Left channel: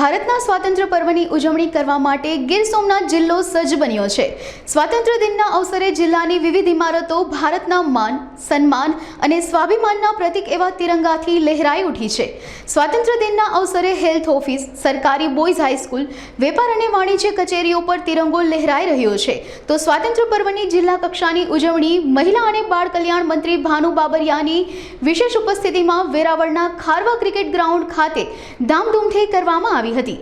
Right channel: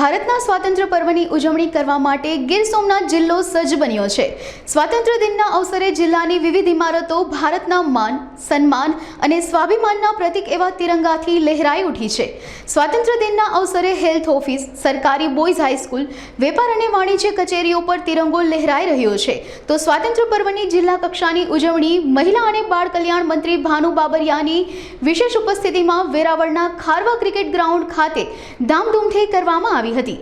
ભારતના સ્વાતંત્ર્ય પર્વની ઉજવણી કરવા માટે ગીર સોમનાથ જિલ્લો સજ્જ બન્યો છે। સ્વાતંત્ર્ય દિનના અવસરે જિલ્લાની વિવિધ ઇમારતો ભારતના માન, સન્માન અને સ્વાભિમાનના પ્રતીક એવા તિરંગાથી લહેરાઈ ઉઠી છે। સ્વાતંત્ર્ય દિનના અવસરે હેલ્થ ઓફિસ, સરકારી બોયઝ હાઈસ્કૂલ, વેપાર અને વાણિજ્ય કચેરીઓ પર તિરંગો લહેરાઈ રહ્યો છે। તો સ્વાતંત્ર્ય પર્વની જિલ્લા કક્ષાની ઉજવણી મહિલા અને બાળ કલ્યાણ મંત્રી ભાનુ બાબરિયાની વિશેષ ઉપસ્થિતિમાં વેરાવળના ખારવા ક્રિકેટ ગ્રાઉન્ડ ખાતે ધામધૂમથી કરવામાં આવી હતી।